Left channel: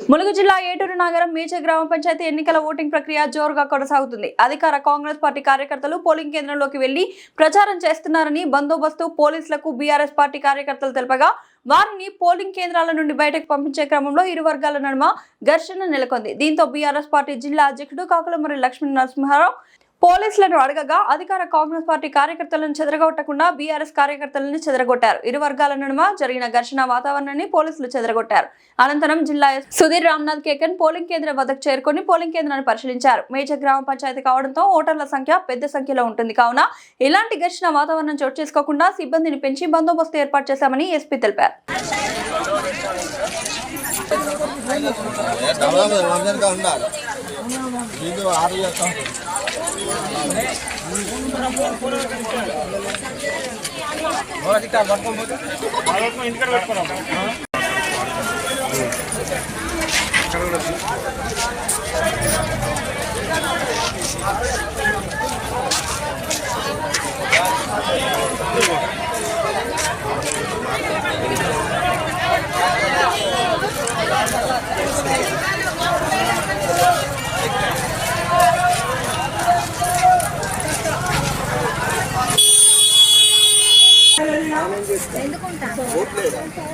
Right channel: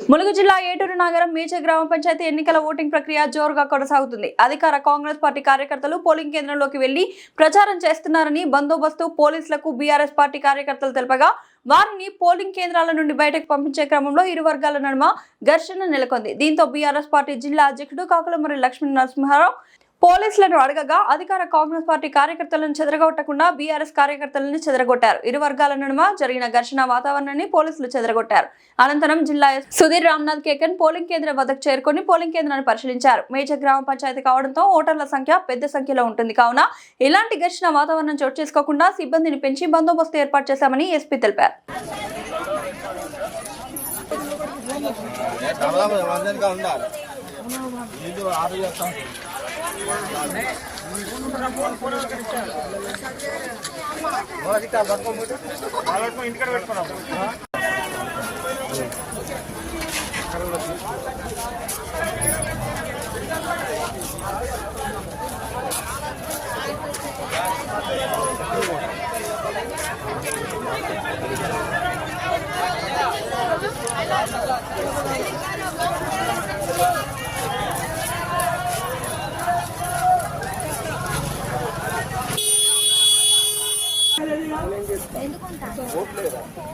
ములుగు జిల్లా ఏటూరు నగరం మేజర్ గ్రామ పంచాయతీ ఎన్నికల ఓటింగ్ ప్రక్రియ జోరుగా కొనసాగుతుంది. అధికార కాంగ్రెస్ పార్టీ కార్యకర్తలు పోలింగ్ కేంద్రంలోకి వెళ్లి ప్రచారం చేస్తున్నారని బందోబస్తు పోలీసులకు బీఆర్ఎస్ పార్టీ కార్యకర్తలు తెలుపగా వారిని పోలింగ్ కేంద్రాల నుండి బయటకు పంపించే క్రమంలో ఇరు వర్గాల నడుమ ఘర్షణ నెలకొంది. దీంతో బీఆర్ఎస్ పార్టీ జిల్లా అధ్యక్షుడు కాకులమర్రి లక్ష్మీ నరసింహారావు పోలీసులను అడగగా అధికార కాంగ్రెస్ పార్టీ కార్యకర్తలను చెదరగొట్టకుండా బీఆర్ఎస్ కార్యకర్తలను చెదరగొట్టారు. ఇరు వర్గాల నడుమ జరిగిన ఘర్షణ వాతావరణాన్ని పోలీసులు చెదరగొట్టారు. అనంతరం జిల్లా సుధీర్ రామ్నాథ్ కేకన్ పోలింగ్ కేంద్రం వద్దకు చేరుకుని పోలింగ్ కేంద్రాన్ని పరిశీలించారు. మేజర్ గ్రామ పంచాయతీ కావడంతో ఓటర్ల సంఖ్య పెద్ద సంఖ్యలో ఉంటుంది కావున ఇలాంటి ఘర్షణ వాతావరణం చోటు చేసుకోకుండా సిబ్బందిని పెంచి బందోబస్తు ఏర్పాటు చేశామని ఎస్పీ తెలిపారు.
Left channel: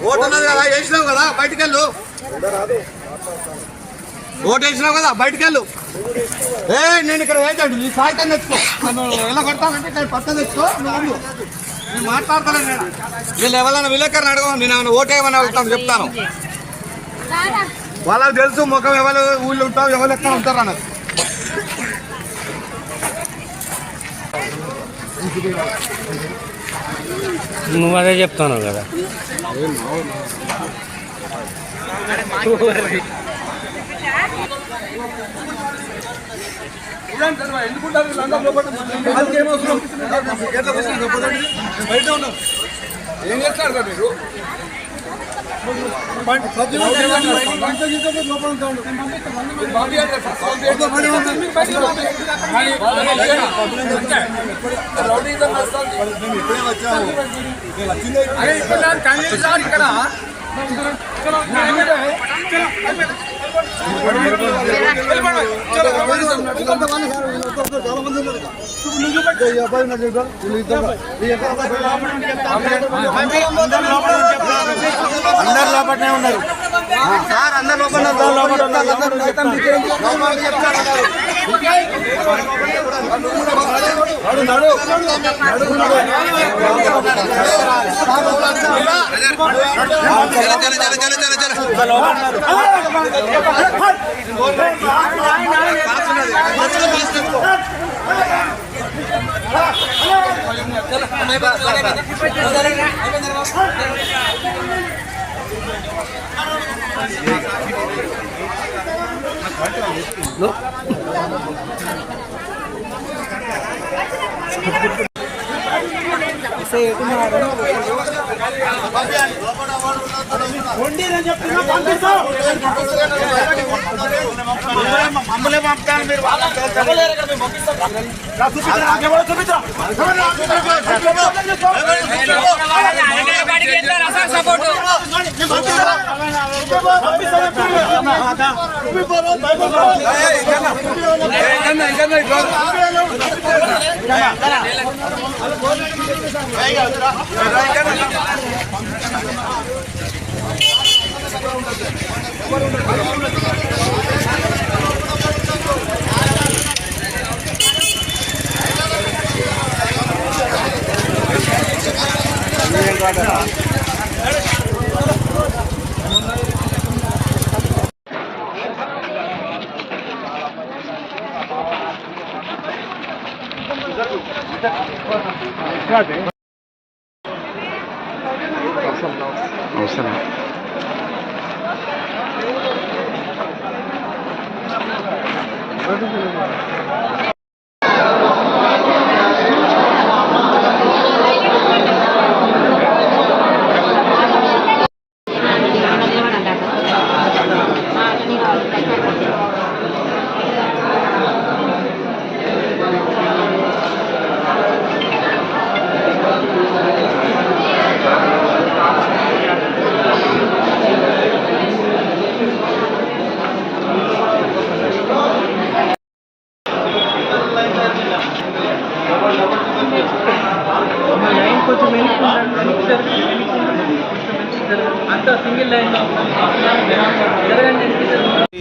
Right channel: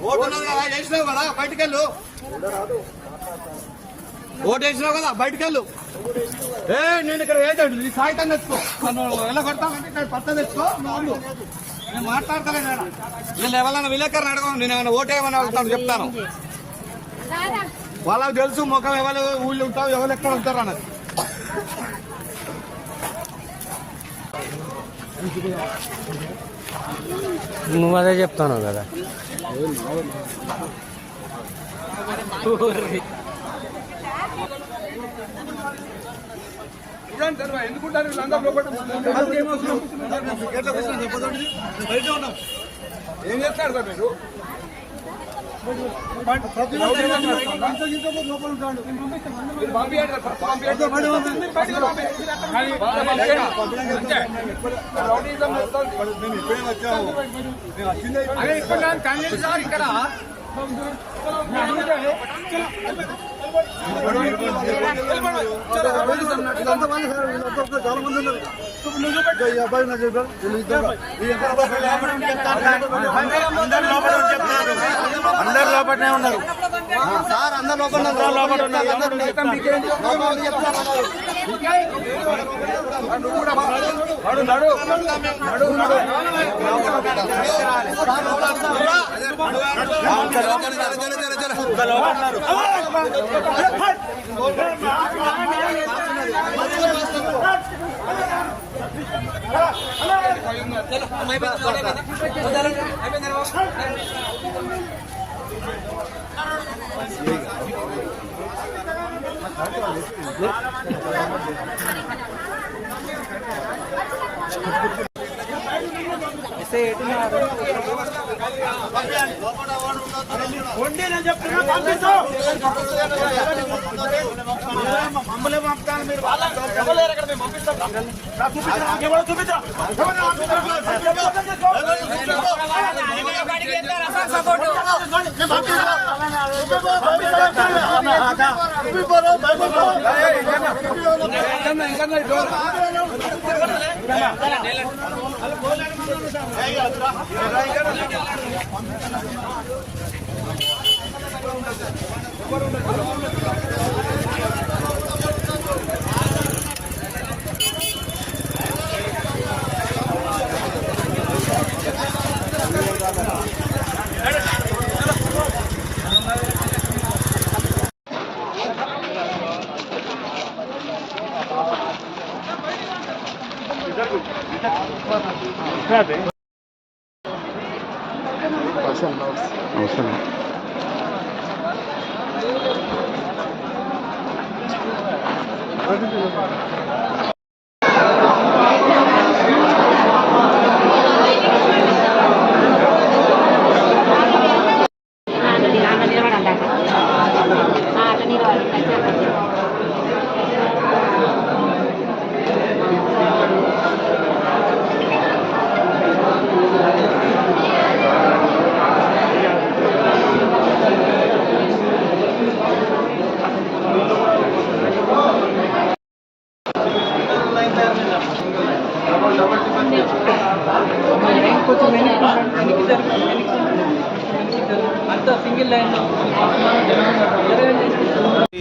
ఓటున్నది కదా, వేసినావు కదా, బయటకెళ్ళు. ఓటు వేసినావు కదా, బయటకెళ్ళు. నేను ఇక్కడ ఏంటండి నీ సాయితం తెచ్చుకో. నువ్వు ఎలా కొడతానంటే ఇక్కడ పత్తం తెచ్చుకో. నేను మాట్లాడతాను. వీళ్ళు ఎవరైనా విలేకరణ అడగ, నేను ఏమైనా ఓటు వేయమని వెళ్తాను చెప్తాను. వాళ్ళకి తెలుసు ముఖం ఎవరు ఊళ్ళో ఉంటావు, ఎవరు ఎక్కడ ఉంటారు అన్నది. నువ్వు అదే చెప్తాను కదా. ఏం చేస్తారు సార్ మీరు? అందరు లోపలనే ఉన్నారు సార్, అందరు మమ్మల్ని పంపుతాను మీరు అవసరం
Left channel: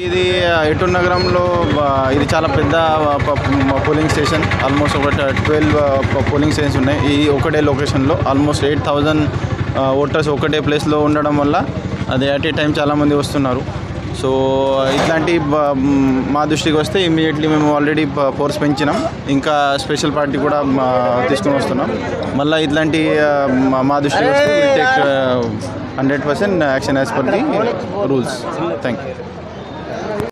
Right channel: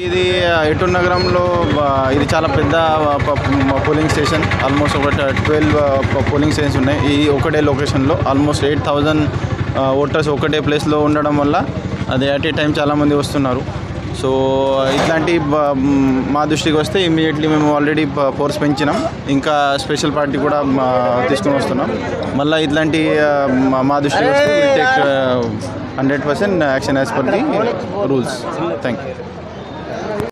ఇది ఎటూర్ నగరంలో ఇది చాలా పెద్ద పోలింగ్ స్టేషన్. ఆల్మోస్ట్ ఒక 12 పోలింగ్ స్టేషన్స్ ఉన్నాయి ఈ ఒకటే లొకేషన్లో. ఆల్మోస్ట్ 8,000 ఓటర్స్ ఒకటే ప్లేస్లో ఉండడం వల్ల అది అట్ ఏ టైం చాలామంది వస్తున్నారు. సో ఇట్లాంటి మా దృష్టికి వస్తే ఇమ్మీడియట్లీ మేము ఆల్రెడీ ఫోర్స్ పెంచినాం, ఇంకా స్పెషల్ పార్టీ కూడా తీసుకొని వస్తున్నాం. మళ్ళీ ఇట్లాంటి మా దృష్టికి వస్తే 100% action as per the rules. Thank you.